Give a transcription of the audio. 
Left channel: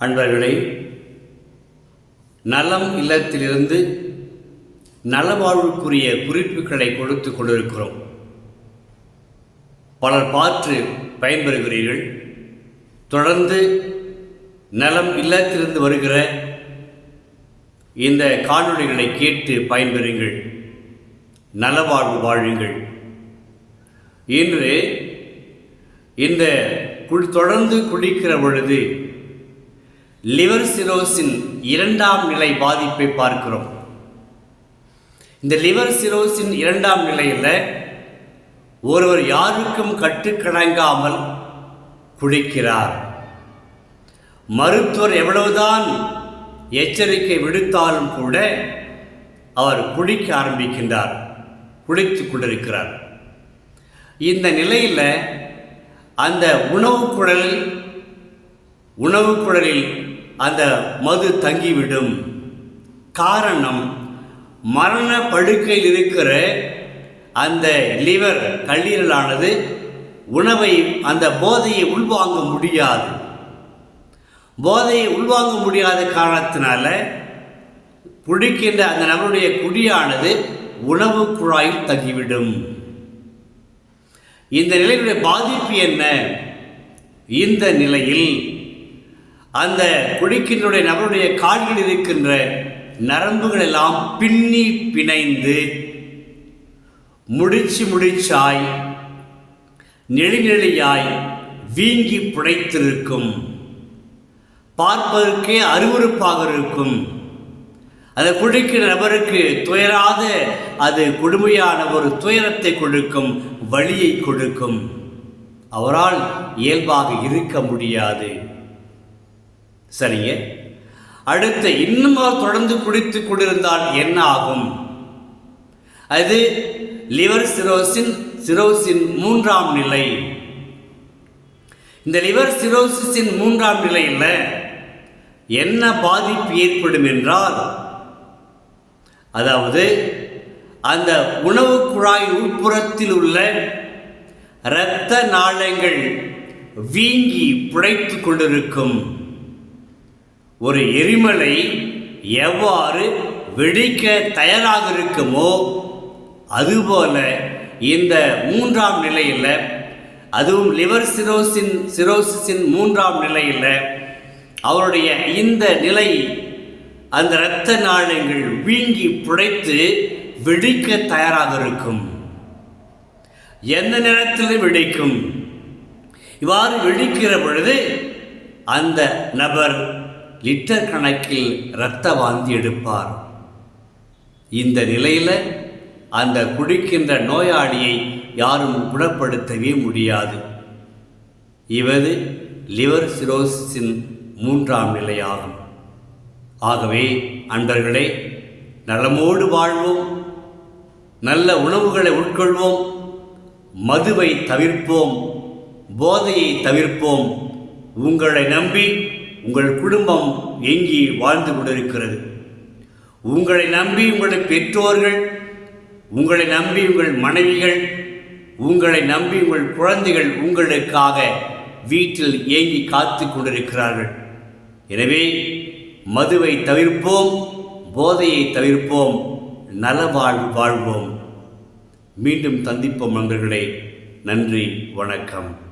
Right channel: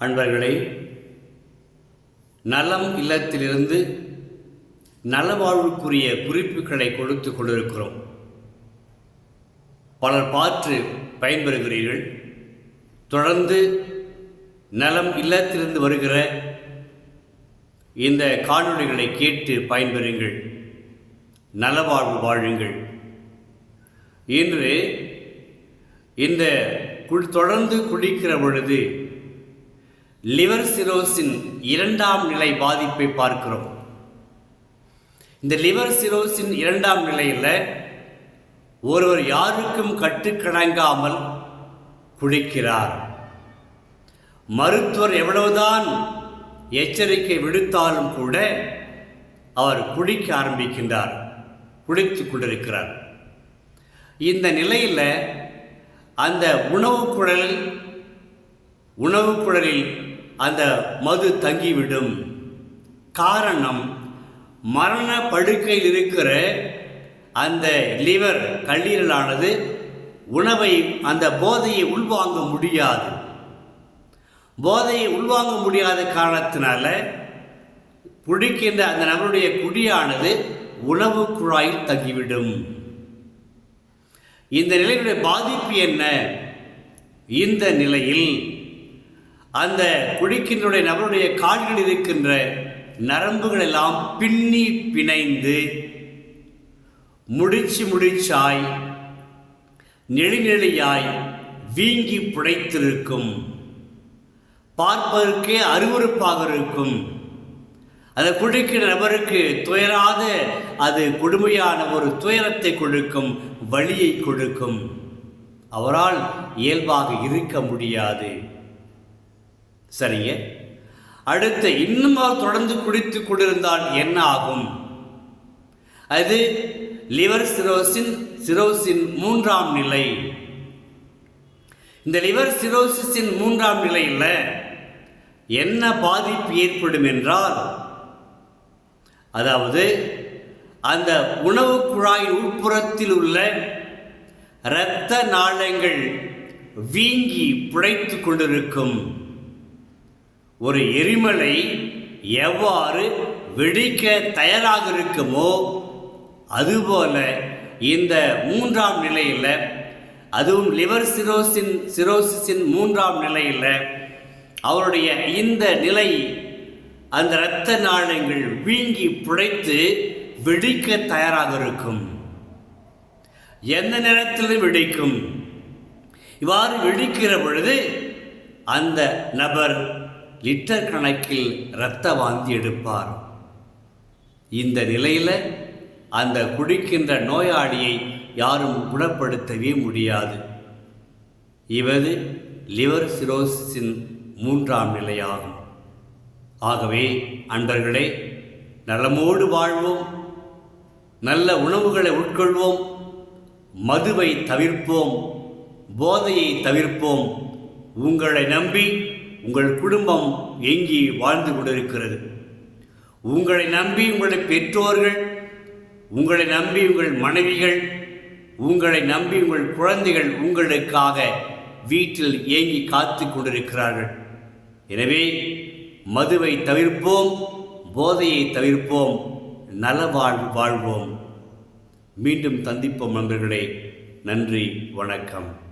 அன்பர்களே நலம் இல்லத்திலிருந்து நலவாழ்வுக்குரிய குறிப்புகளை கொடுத்து கொண்டிருக்கிறோம். பலர் பார்த்து பயன்பெறுகிறீர்கள். தொடர்ந்து நலம் இல்லத்திலிருந்து வருகிற இந்த காணொளிகளை கேட்டு பயன்பெறுங்கள். நலவாழ்வு வாழுங்கள். இன்று இந்த குடி தொடர்ந்து குளிக்கிற பொழுது லிவர் சிரோசின் இரண்டாம் நிலை பாதிப்பை பார்க்கிறோம். இந்த லிவர் சிரோசின் இரண்டாம் நிலையில் ஒருவர் யாருக்கும் கட்டுக்கணங்காமல் குடிக்கிறார் மருத்துவர் எவ்வளவுதான் எச்சரிக்கை விடுத்தாலும் கூட அவர் குடிக்க ஆரம்பிக்கின்றார் குடித்துக் கொண்டிருக்கிறார். இந்த நிலையில் அந்த உணவு குழலில் உணவு குழலில் அந்த மது தங்கிவிடும். காரணம் மரண படுக்கையில் இருக்கிற அந்த லிவர் கல்லீரலானது உணவை அந்த போதையை உள்வாங்க முடியாது. போதையை உள்வாங்க முடியாத காரணத்தினால குடிக்கின்ற அந்த நபருடைய குடியானது உணவு குழாயில் தங்கிவிடும். இந்த நிலையினுடைய பாதிப்பு என்ன? இந்த நிலையில் அந்த குடிக்கின்ற நபருடைய கால்கள் இருக்கின்ற நரம்புகள் எல்லாம் பின்னி பிணைந்து முடிச்சு முடிச்சாய் நெளிநெளியாய் வீங்கி புடைத்திருக்கும். பார்ப்பதற்கே அருவருப்பாக இருக்கும். அதை குடிக்கிற நபருக்கு துயராத அது கொடுமையான ஒரு துயரத்தை கொடுக்கும் வழியை கொடுக்கும். அவரால் இயல்பாக இருக்க முடியாது. சரிங்க. அடுத்த இன்னும் அவர் தொடர்ந்து குடித்து கொண்டிருந்தால் என்ன ஆகும்? அது லிவர் சிரோசின் சிரோசின் மூன்றாம் நிலை. இந்த லிவர் சிரோசிஸின் மூன்றாம் நிலையில் என்ன பாதிப்பு ஏற்படும் என்றால் அதாவது அந்த உணவு குழாய் உட்புறத்தில் உள்ள இரத்த நாளங்கள் வீங்கி புடைத்து கொண்டிருக்கும். ஒரு எரிமலை எவ்வாறு வெடிக்க தயாராக இருக்குமோ அதுபோல இந்த மூன்றாம் நிலையில் அதுவும் லிவர் சிரோசின் சிரோசிஸின் மூன்றாம் நிலையில் அவருடைய இந்த நிலை அந்த இரத்த நாளங்கள் வீங்கி புடைத்து வெடிக்க தயாராக இருக்கும் எந்த நேரத்தில் வெடிக்கும்? இவ்வாறு வெடிக்கிற பொழுது அந்த நபர் லிட்டர் கணக்கில் இரத்த வாந்தி எடுப்பார். இந்த நிலையில் அந்த குடிக்கின்ற நோயாளியை யாரும் குணப்படுத்தவே முடியாது. இவது லிவர் சிரோசிஸின் மூன்றாம் நிலையாகும். ஆகவே அன்பர்களே நலமோடு வாழ்வோம். நல்ல உணவுகளை உட்கொள்வோம். மதுவை தவிர்ப்போம். போதையை தவிர்ப்போம். உங்களை நம்பி உங்கள் குடும்பம் எங்கி வாழ்ந்து கொண்டிருக்கிறது. உங்களை நம்பி உங்கள் பெற்றோர்கள் உங்களை நம்பி உங்கள் மனைவிகள் உங்களை நம்பி உங்கள் குழந்தைகள் உங்களுக்காக வீட்டில் ஏங்கி காத்து கொண்டிருக்கிறார்கள். எனவே மதுவை தவிர்ப்போம் போதையை தவிர்ப்போம் நலவாழ் வாழ்வோம். மீண்டும் சந்திப்போம் நண்பர்களே. நன்றி வணக்கம்.